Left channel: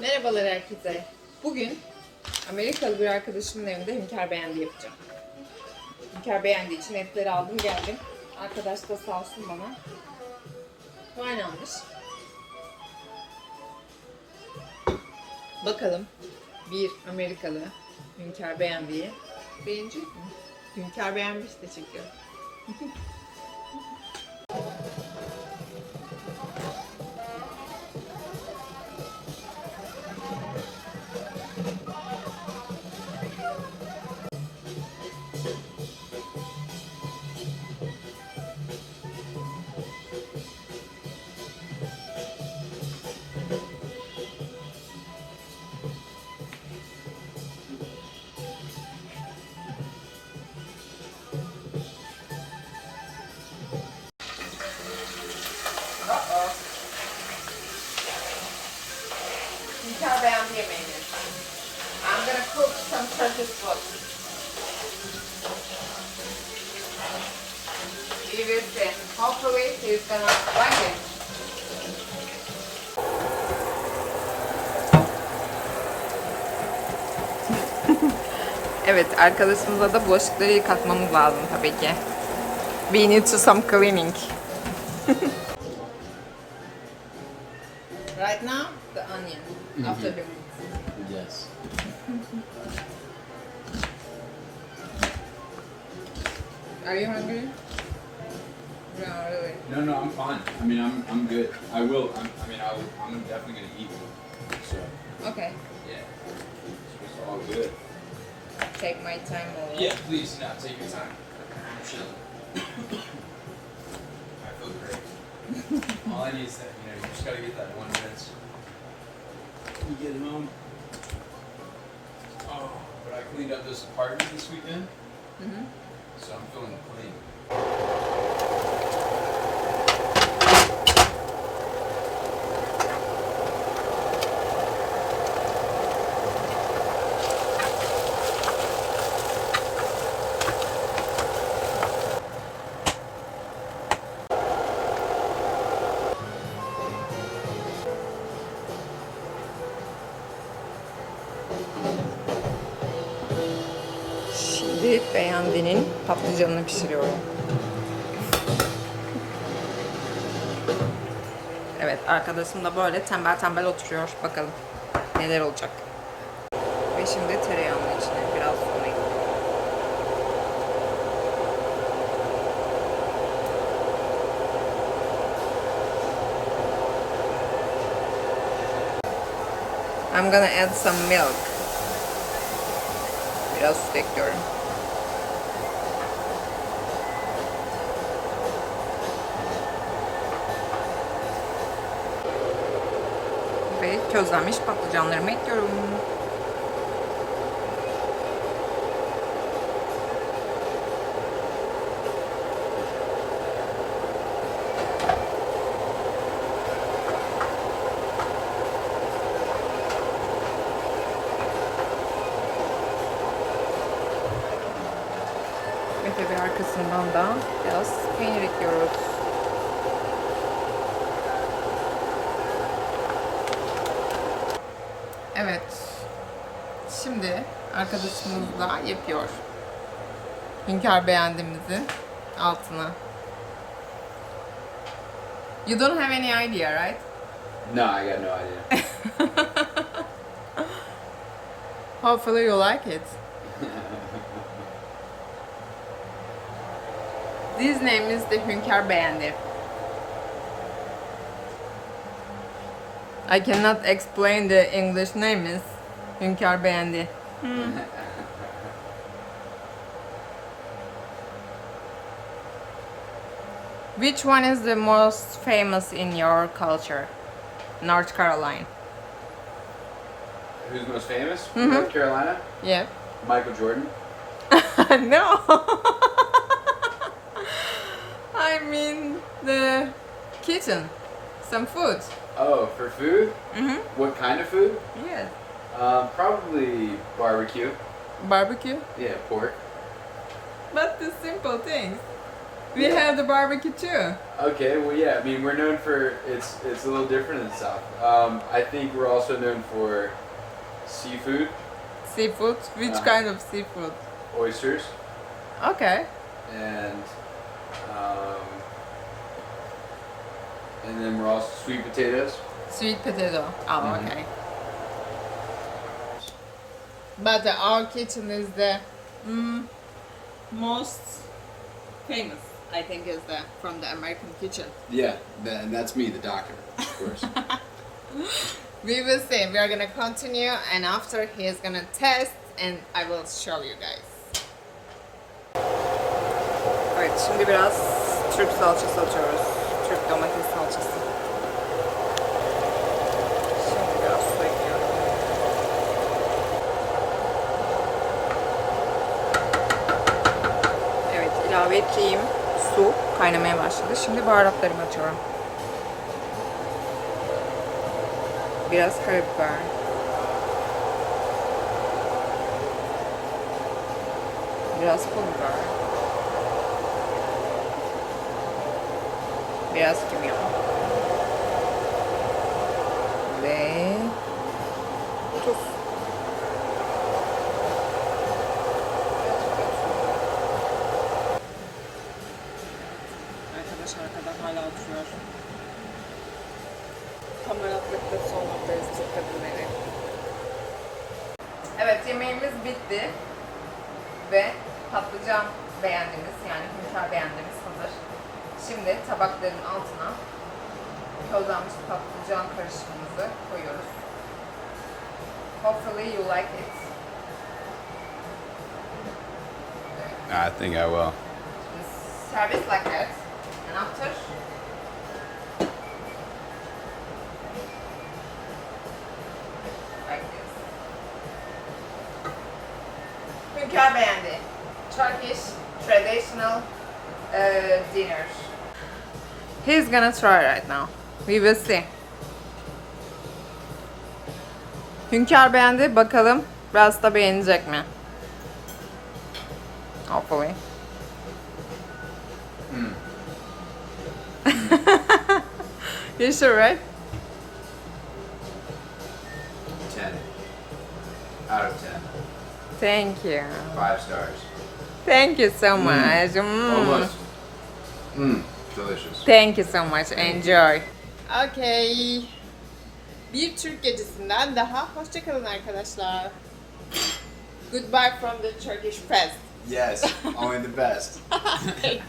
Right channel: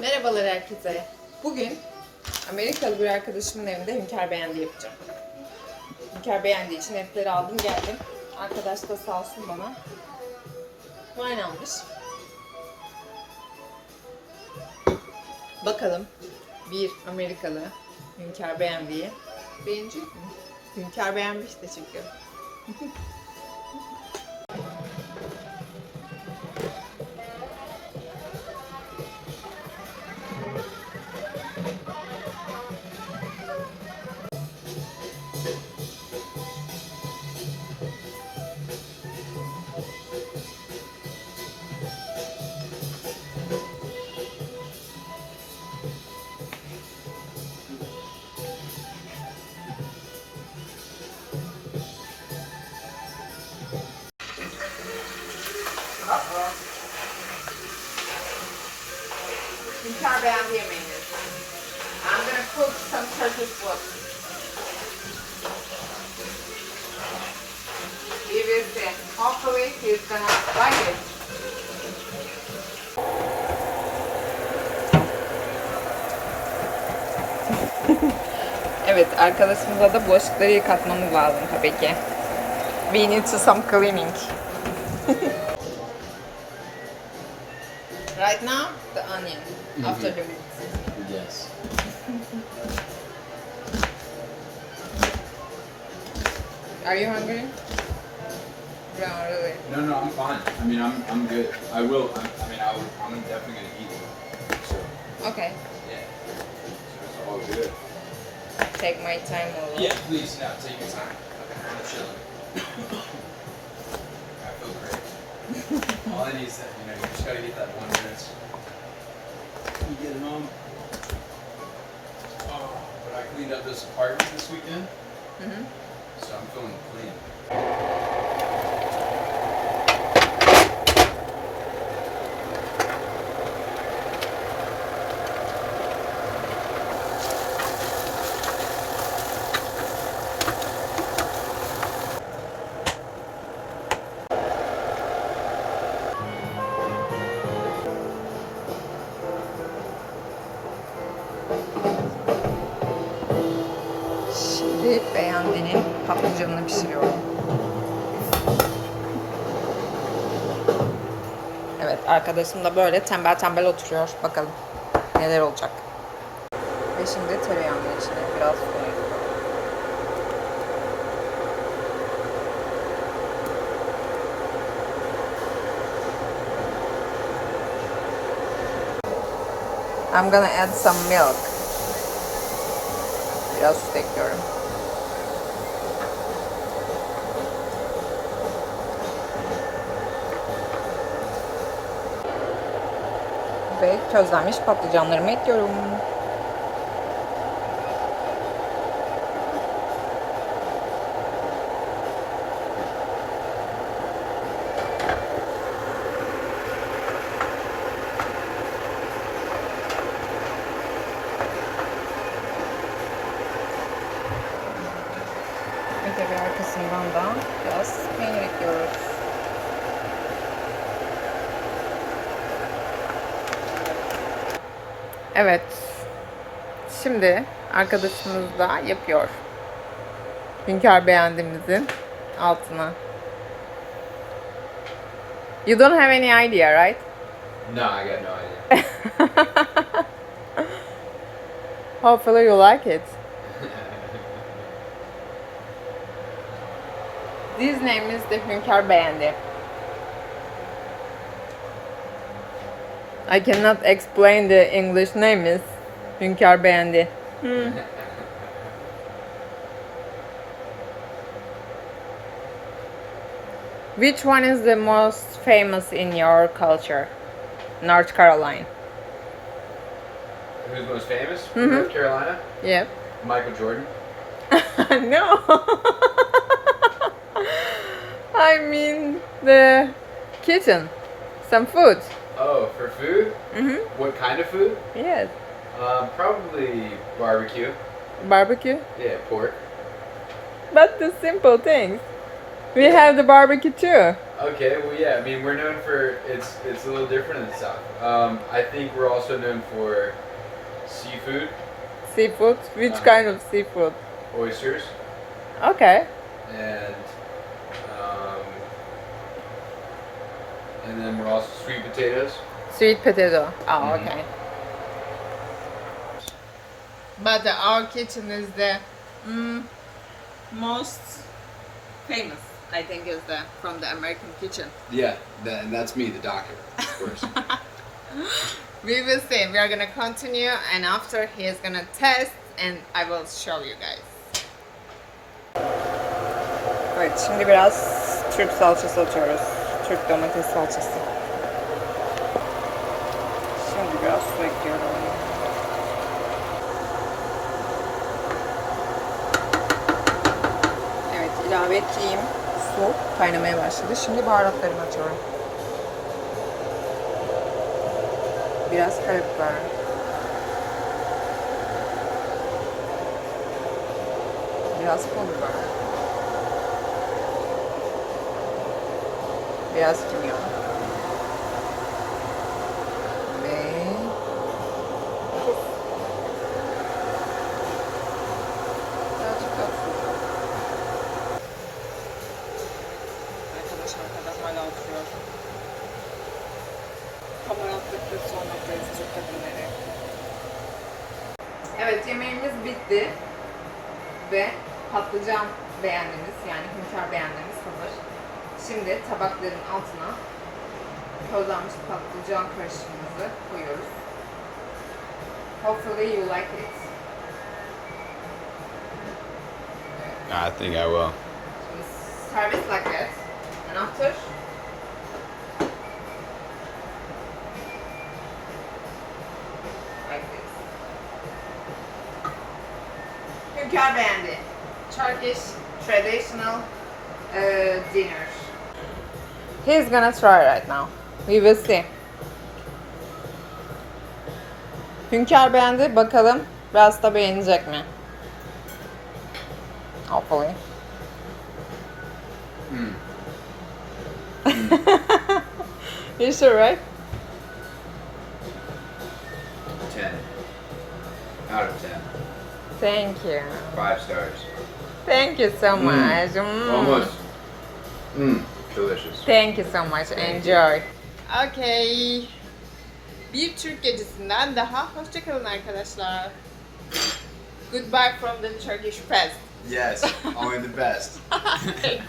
Merhabalar herkese. Bugün Amerikalı bir arkadaşımın evinde hünkâr beğendi yapacağım. Hünkâr beğendiği için etleri aldım geldim. Arkadaş da sağ olsun bana wine almış. Bakalım bir Amerikalı hünkâr beğendiği beğenecek mi? Hünkâr beğenmiş de çünkü. Hünkâr beğendi yemeğini. I'm gonna cook some Turkish food. We will see. Hopefully he's gonna like it. Evet, arkadaşımıza da bulaşıkları yıkatmamız lazım tabii ki. We need to some cleaning. Right now, the onion. After the meat. Yes. Are you hungry? No, really. No, I'm fine. I mean, I'm good. I will. I'm definitely gonna eat it. So Okay. yeah, it's all good. Take my time a little. Yeah, please. Now take your time. I'm chilling. I feel great. All I need is that you just gotta get that 1 minute. You get it home. Oh, but I cleaned up this apartment this weekend, so I'm feeling clean. Şimdi beğendiğinin patlıcanını pişiriyorum. Evet, arkadaşım da böyle tembel tembel oturuyor. Bakalım neler olacak. Ve şimdi tereyağının içine biraz un ekliyorum. I'm gonna add some milk. Biraz süt ekliyorum. Ve közlenmiş patlıcanlarımı ekliyorum. Ve tabii arkasından da biraz peynir ekliyoruz. Evet. Şimdi arkadaşımız da yapıyor. Hünkâr beğendiğimizin altına. You don't have any idea, right? No, I got no idea. Hopefully you like it. This name is the Hünkâr beğendi. I cannot explain the English name is Hünkâr beğendi. Which one is the most famous in your culture? North Carolina. Who's most famous? North Carolina? Yep. Michael Jordan. No. I mean the kitchen. Some food. Oh, for food? What kind of food? Yes. Probably barbecue. Barbecue. Yeah, pork. But the simple things. We have the barbecue too. Okay, well, yeah. I mean, we're known for it's a little different in the South. I think we're also known for seafood, Seafood. Which kind of seafood? oysters, Okay. and then we're also sweet potatoes. Sweet potato. Oh, Mhm. okay. But our kitchen is the most famous, I think, is the from the American kitchen. Yeah, and that's me, the doctor, of course. We will see. We are gonna continue, and after he is gonna test, and I will show you guys. Evet, şimdi biraz Türk salçası atıyoruz. Türk domates salçası. Şimdi biraz su ekliyorum. Evet, ilave ettiğim su kaynamaya başladı. Şimdi baharatlarımı atıyorum. Biraz karabiber. Biraz pul biber. Biraz kimyon. Ve tuz. Birazcık da tuz. Arkadaş arkada hala oturuyor. Kamera attıkları son noktayız Türk kadınları. Evet, yemeğimiz bitti. Ve patlıcan beğendiğimiz, yani hünkâr beğendiğimiz hazır. Şimdi tabakların altına közlenmiş patlıcan karışımımızı koyuyoruz. Hopefully you like it. I think I will. Serve it like that. And after like this. Hünkâr beğendi. Turkish traditional dinner. He's gonna try right now. We will see. Hünkâr beğendi. Bakalım biraz da beğenecek mi? Hopefully. You sure, right? 10 out of 10. Thank you. 5 stars. Thank you so much. Almost. Delicious. Thank you so much. Enjoy. Okay. Bir Türk gecesinden daha hoşçakalın arkadaşlar. Goodbye from the Turkish past. Yes, only the best. Thank you.